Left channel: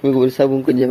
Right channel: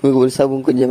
Nggak boleh sabung kerja.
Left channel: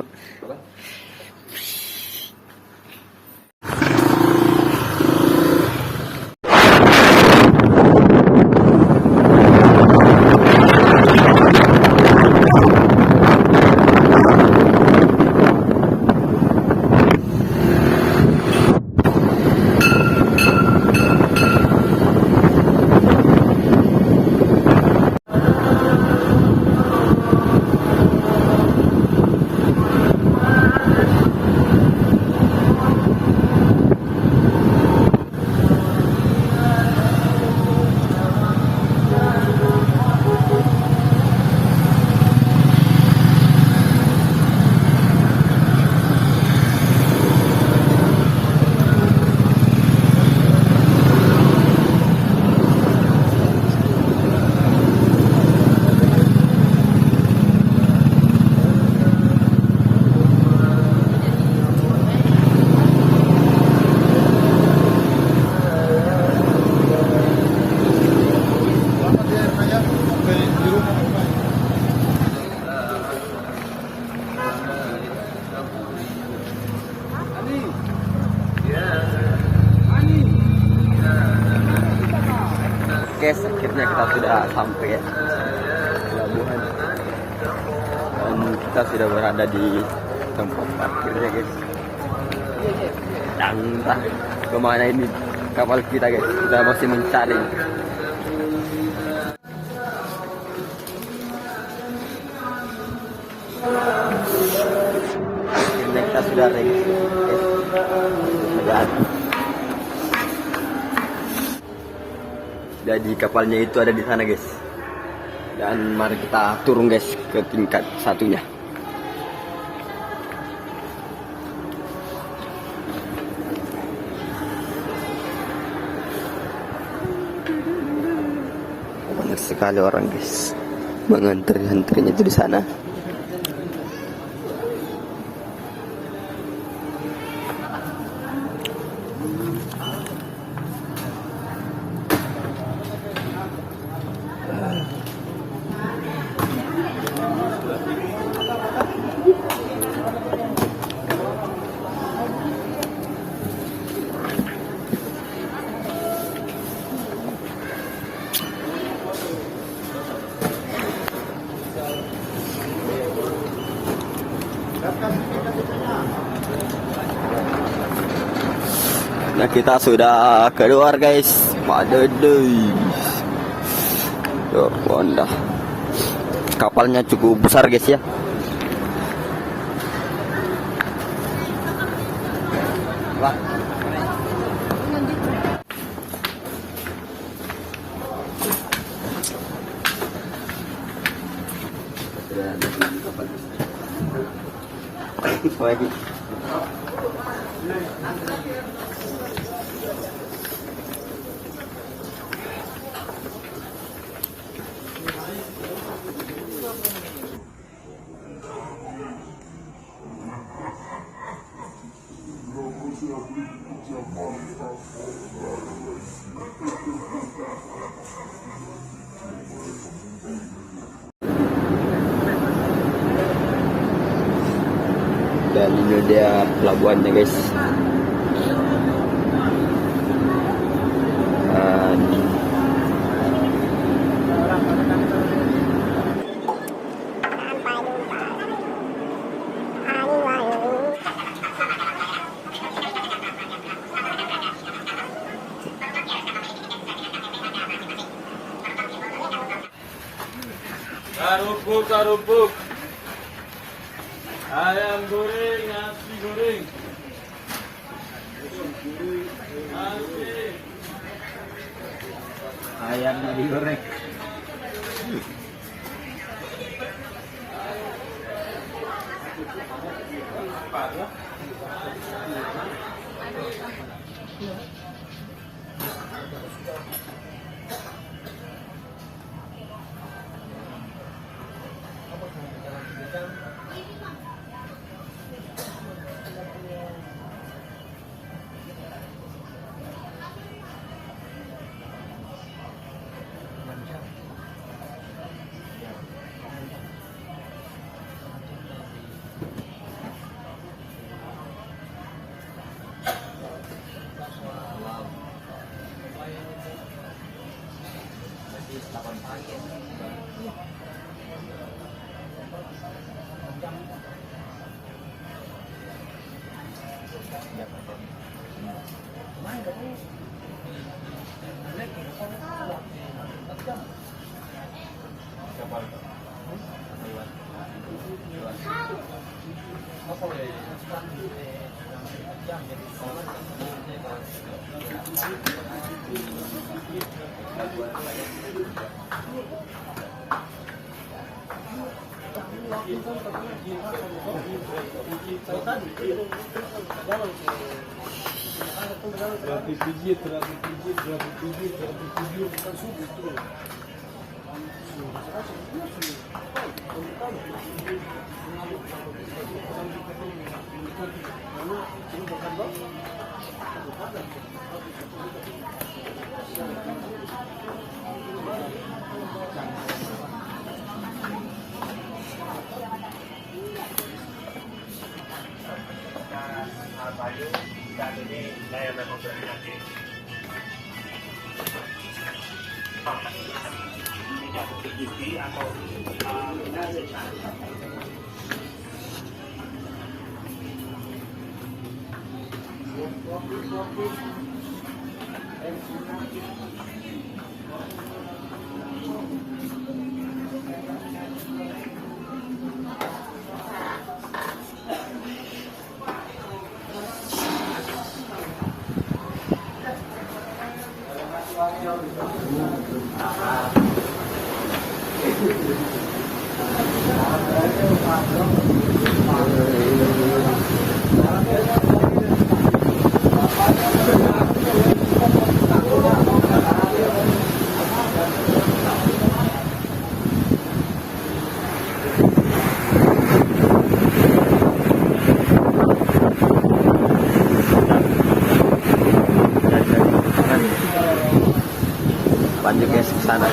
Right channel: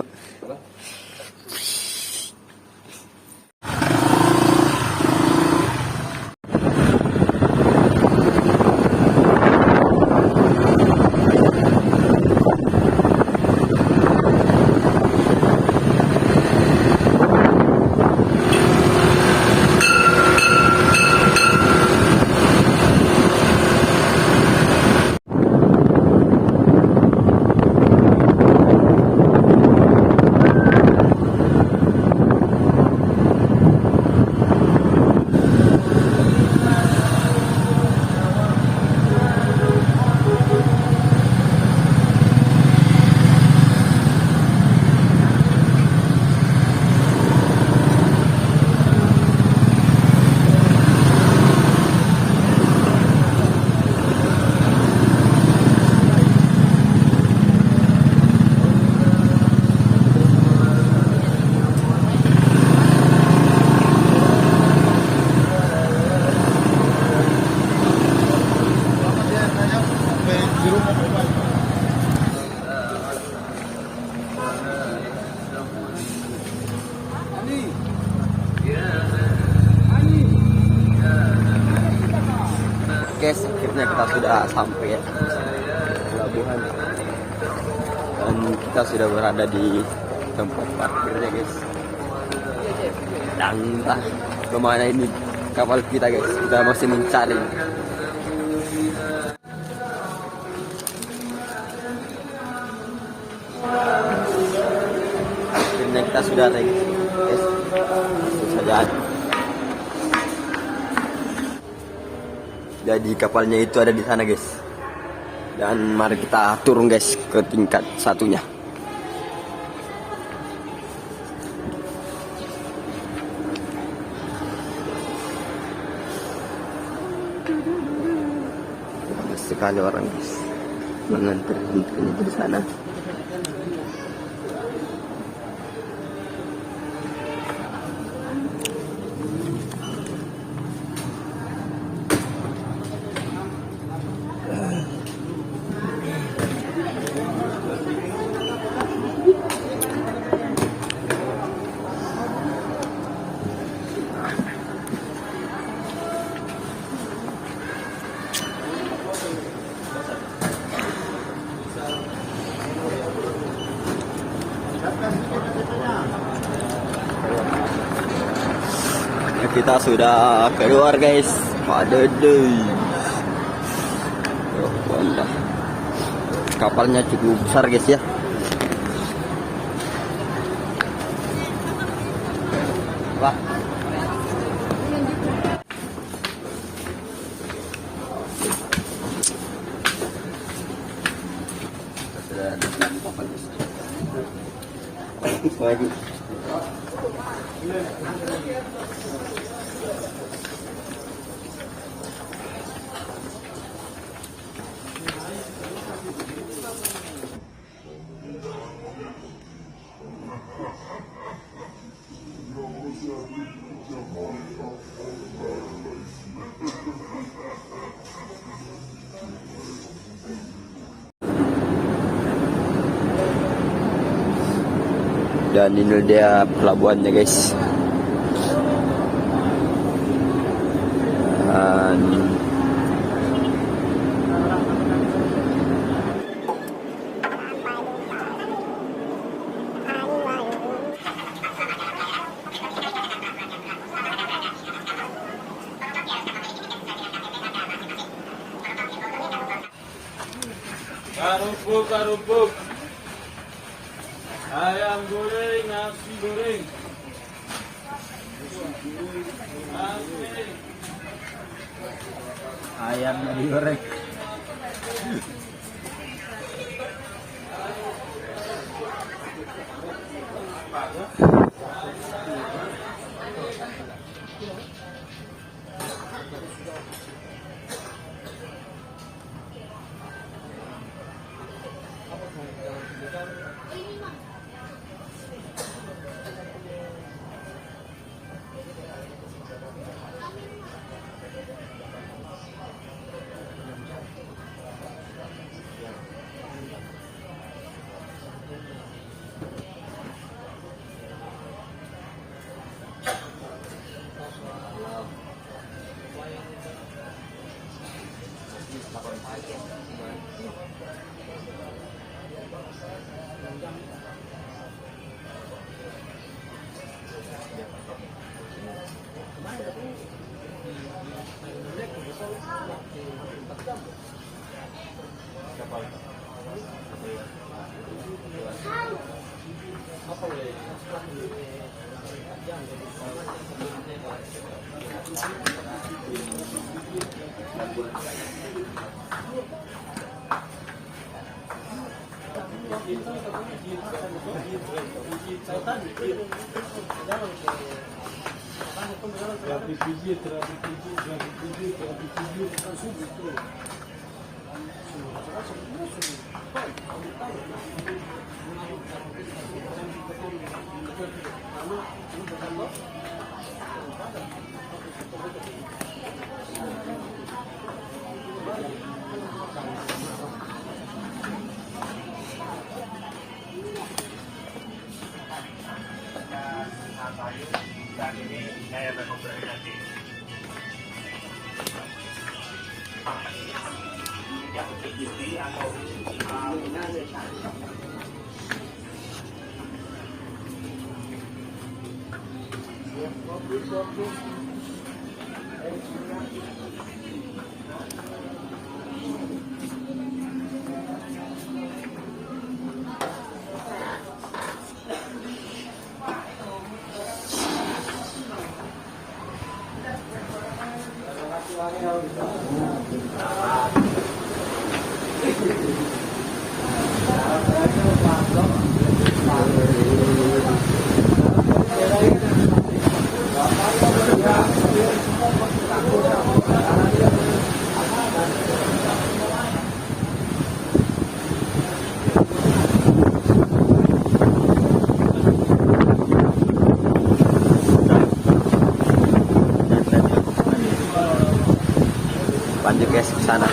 Oke, akhirnya kita sudah sampai ya, pelabuhan, dan kita sudah berada di tempat parkirnya guys. Dan entah kemana ini kapal kita guys, kita masih mencari. Akhirnya kita sudah ready guys. Sudah. Jadi kapalnya itu ada di sana guys. Dan mari kita turun guys ke tingkat satunya. Banyak sekali orang guys, mengantri-antrinya itu di sana. Nah, kita sudah keluar guys. Madadai. Oh, mantap. Kapalnya cukup besar guys ya. Wah. Kapal lagi. Dan ini dia pelabuhannya guys. Karupuk, ayam goreng, nasi goreng, ayam digoreng. Lanjut guys ke sana.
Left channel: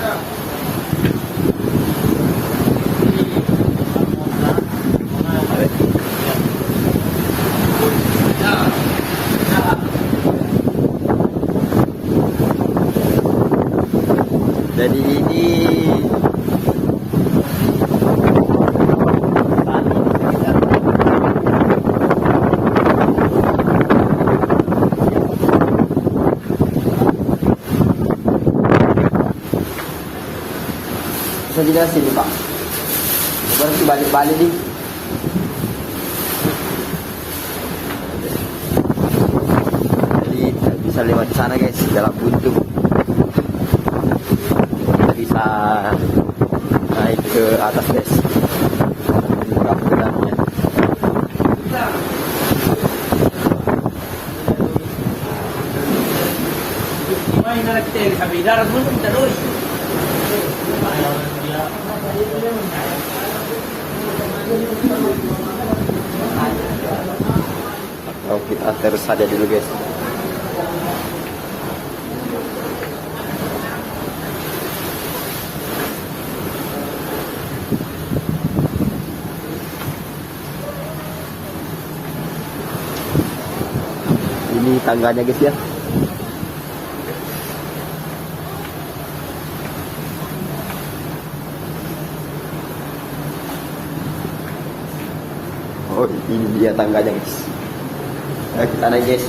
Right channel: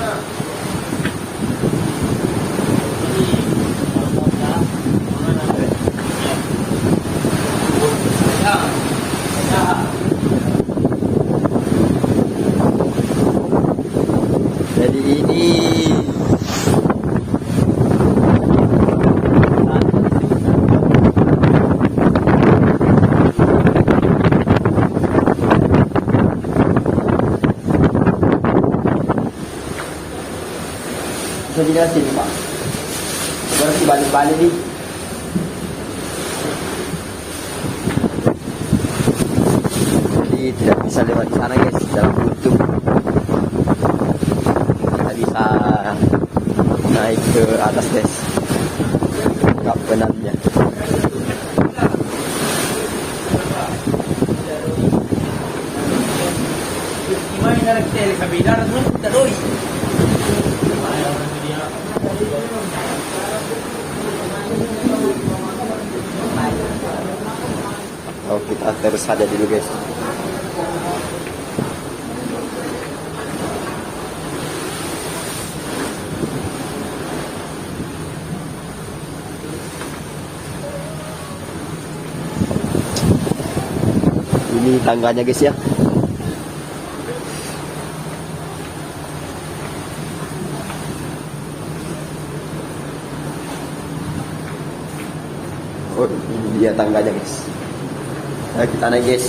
Jadi ini bisa sini Pak. Berarti balik-balik nih. Jadi tidak bisa lewat sana guys, dalam buntu. Kita bisa naik ke atas guys. Kap benarnya. Gimana kita kabilar dulu terus. Oh, kita terus saja dulu guys. Ini tangganya guys ya. Oh, ini dia tangganya guys. Nah, kita naik guys.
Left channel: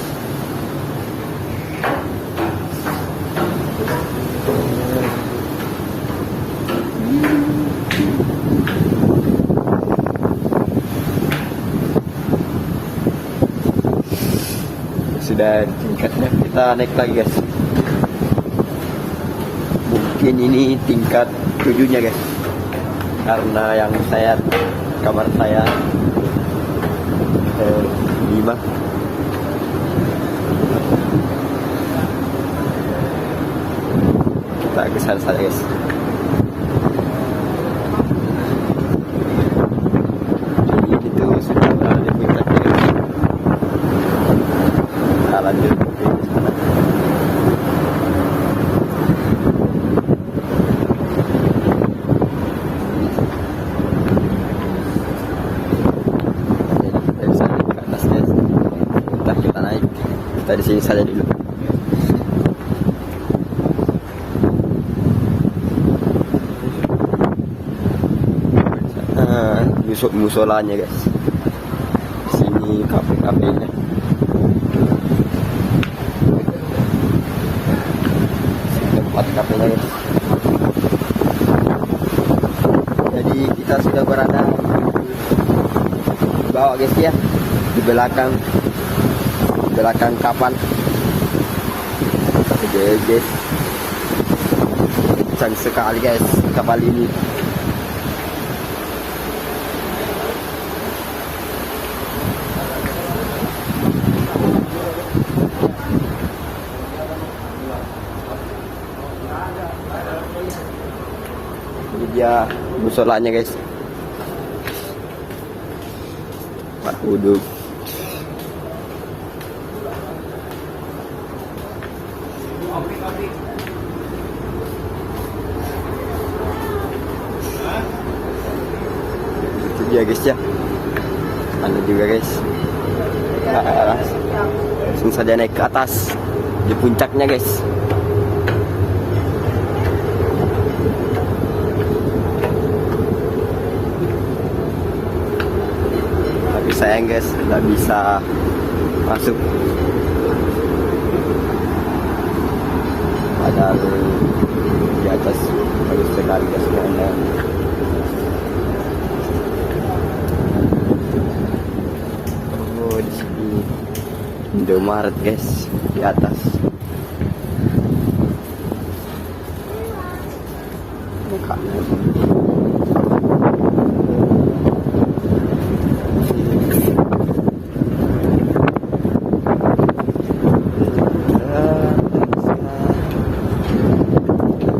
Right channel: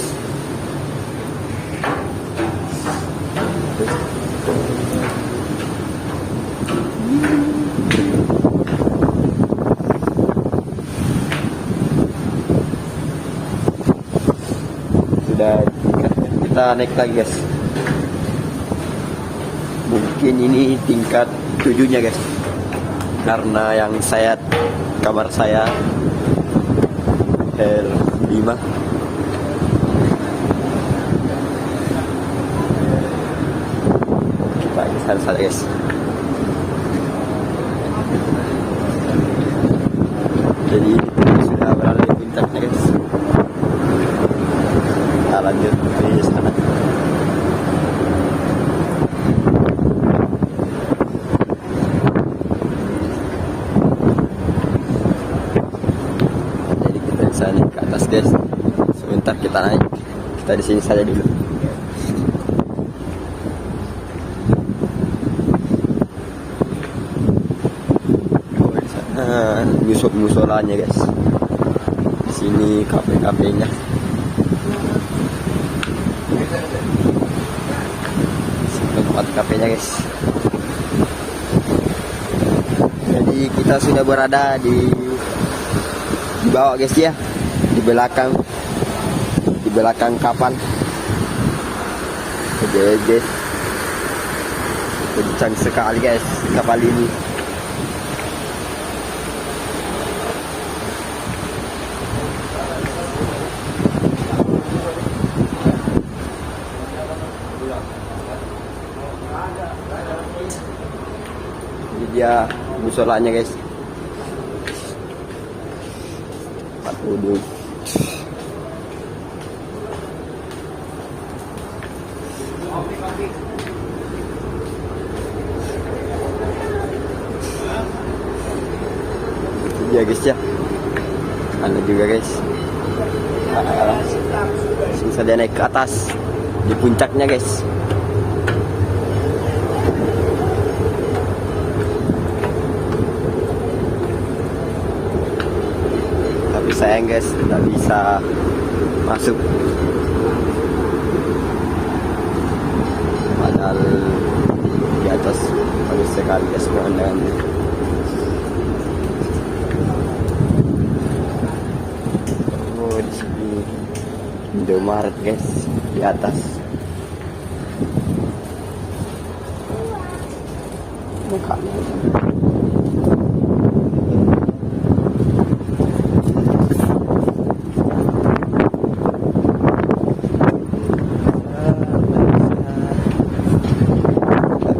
Sudah tingkatnya, kita naik lagi guys. Mungkin ini tingkat 7-nya guys, karena yang saya kamar saya 5. Kita ke sana saja guys. Jadi ini sudah berada di puncaknya guys. Kita lanjut ke sana. Guys, sebentar kita naik. Kita di sini saja dulu. Musolanya guys. Di sini kafe-kafenya. Tempat kafenya guys. Jadi kita sudah berada di bawah guys ya, di belakang kapal. Oke, kencang sekali guys kapal ini. Ini dia musolanya guys, tempat duduk. Itu dia guys ya, ada juga guys. Langsung saja naik ke atas di puncaknya guys. Tapi sayang guys, tidak bisa masuk. Padahal di atas bagus sekali guys pemandangannya. Oh, di sini Indomaret guys di atas. Makanan.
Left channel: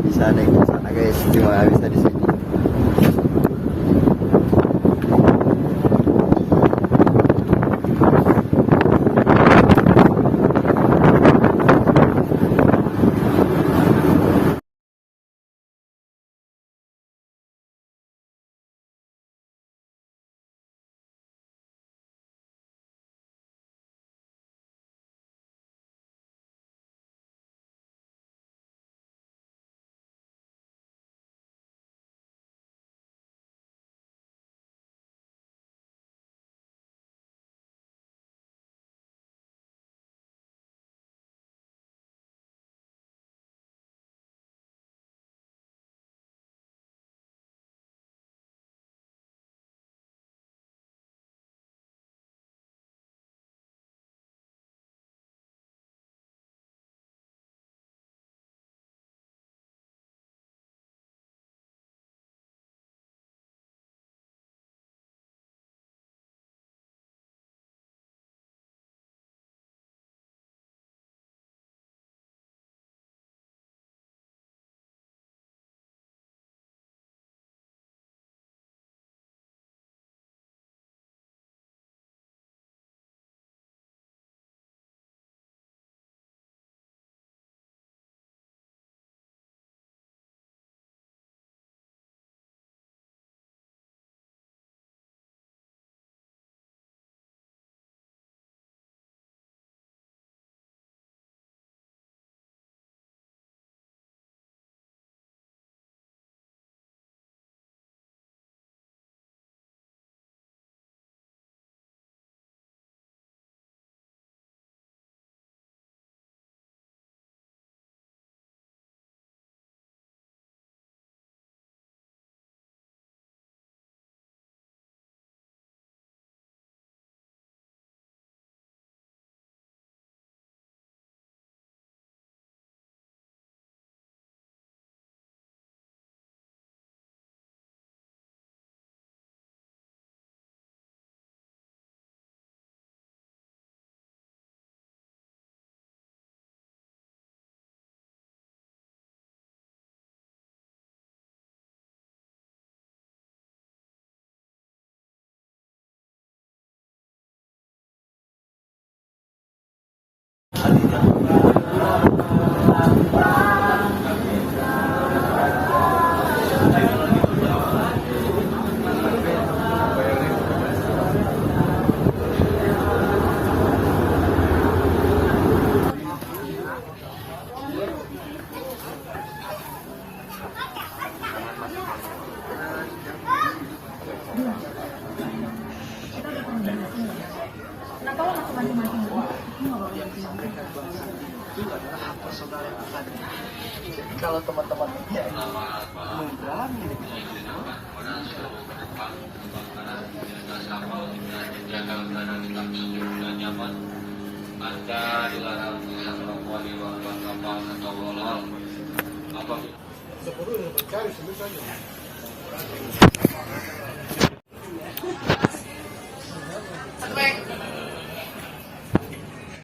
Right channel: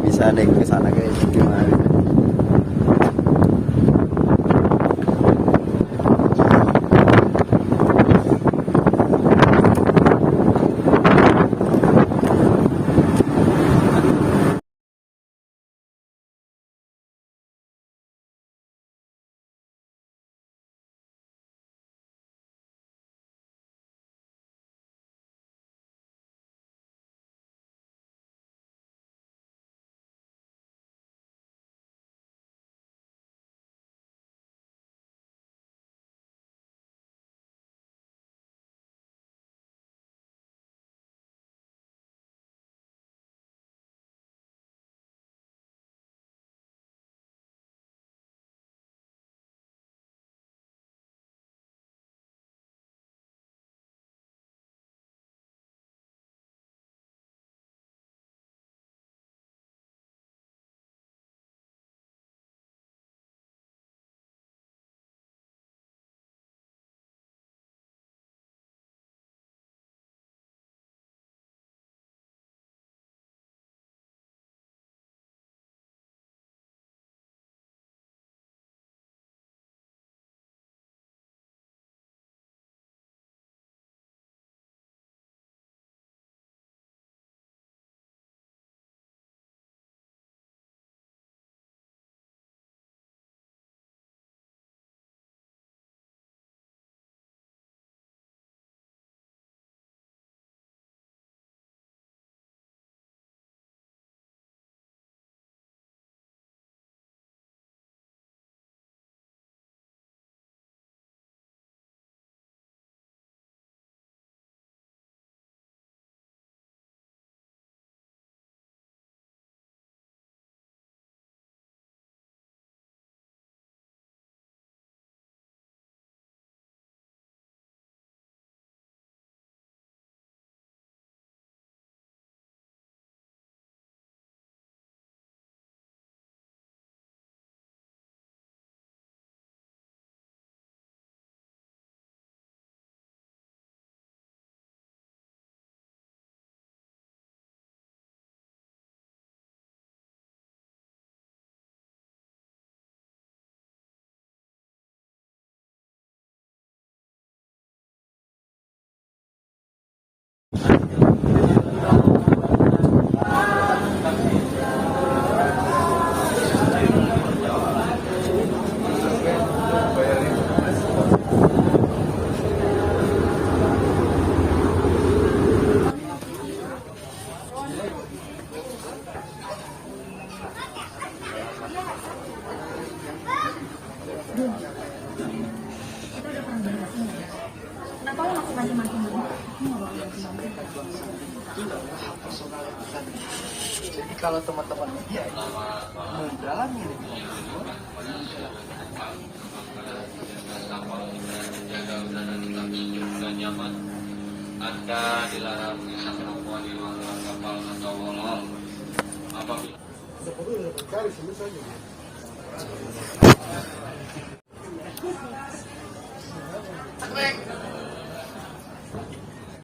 Bisa naik ke sana guys, cuma bisa di sini. Jadi kalau teman-teman ini ya mau berani Anda dilarang melakukan kapal atau walau apabila